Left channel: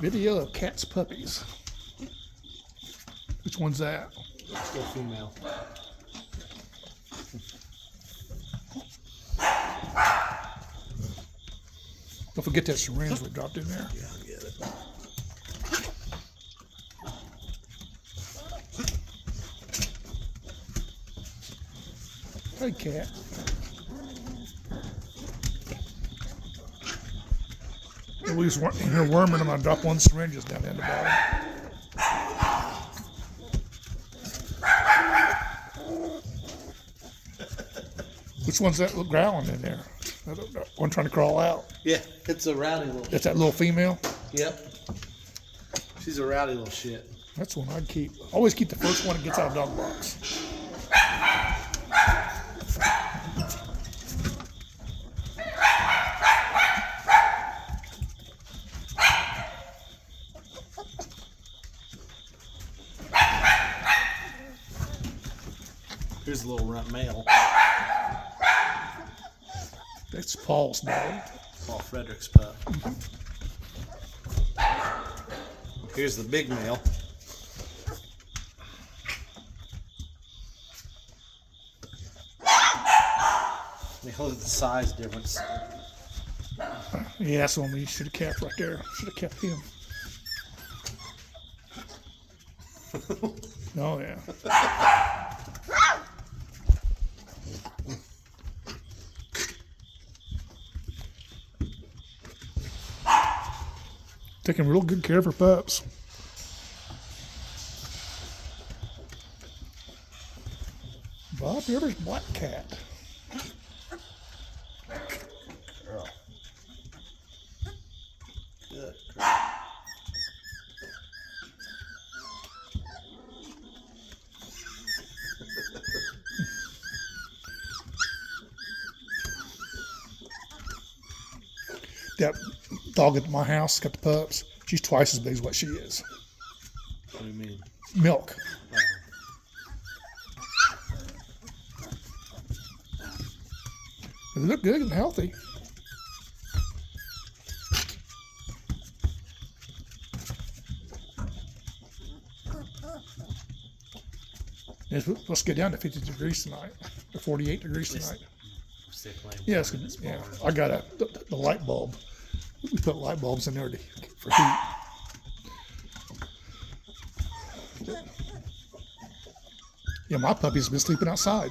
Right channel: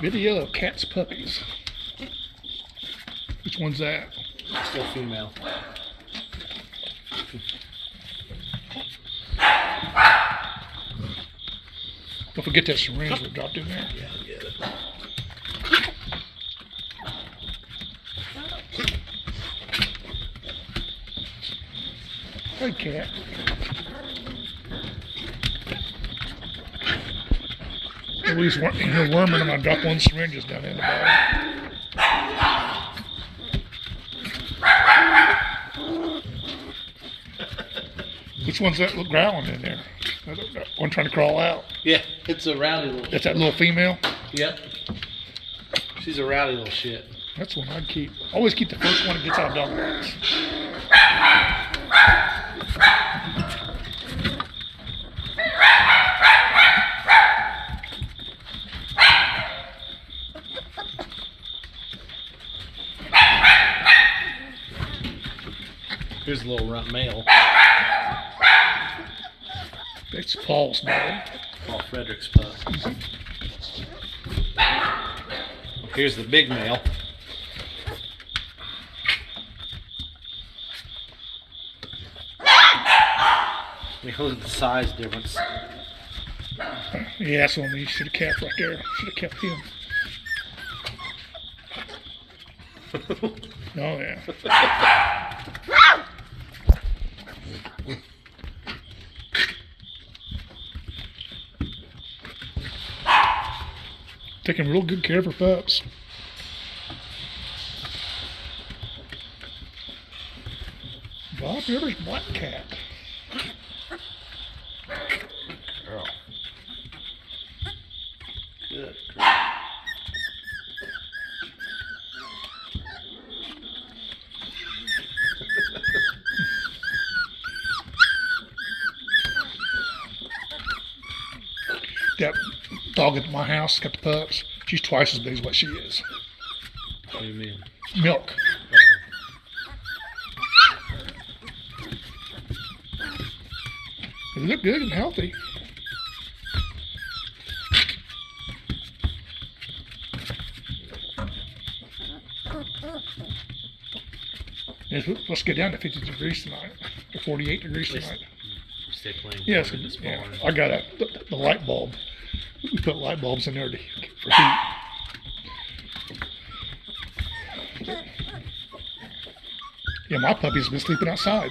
Video of cats puppies. Which one's that? Still female. Don't forget that syringe we dropped in there. Yeah, I'll get it. Hey, cat. Louise in her worming. I'm gonna drop one syringes down in the bottom. Which one's that growling in there? One trying to crawl out. Yeah, it's a rowdy little. That's that little female. Yep. She's a rowdy little shit. That's one I'd keep. Always keep the first one that gets out of dog box. Here's a little runt male. That's Paul's dog. Paul Frederick's pup. Here's the big male. Look at the size difference. Yeah, that's the one we should have kept right there. Should have kept him. Oh, yeah. Taking real good care of her pups. Bob Rivers Black Cat. Girl. Good. That dog at my house got the pups. She's twice as big as what she is. What do you mean? Milk. They look good and healthy. Yes, let's get down to 50 degrees tonight, or 48 degrees tonight. Stay playing. Yes, yeah. I got the light bulb. We put light bulbs in there for heat. Yeah, my puppy's been sleeping outside.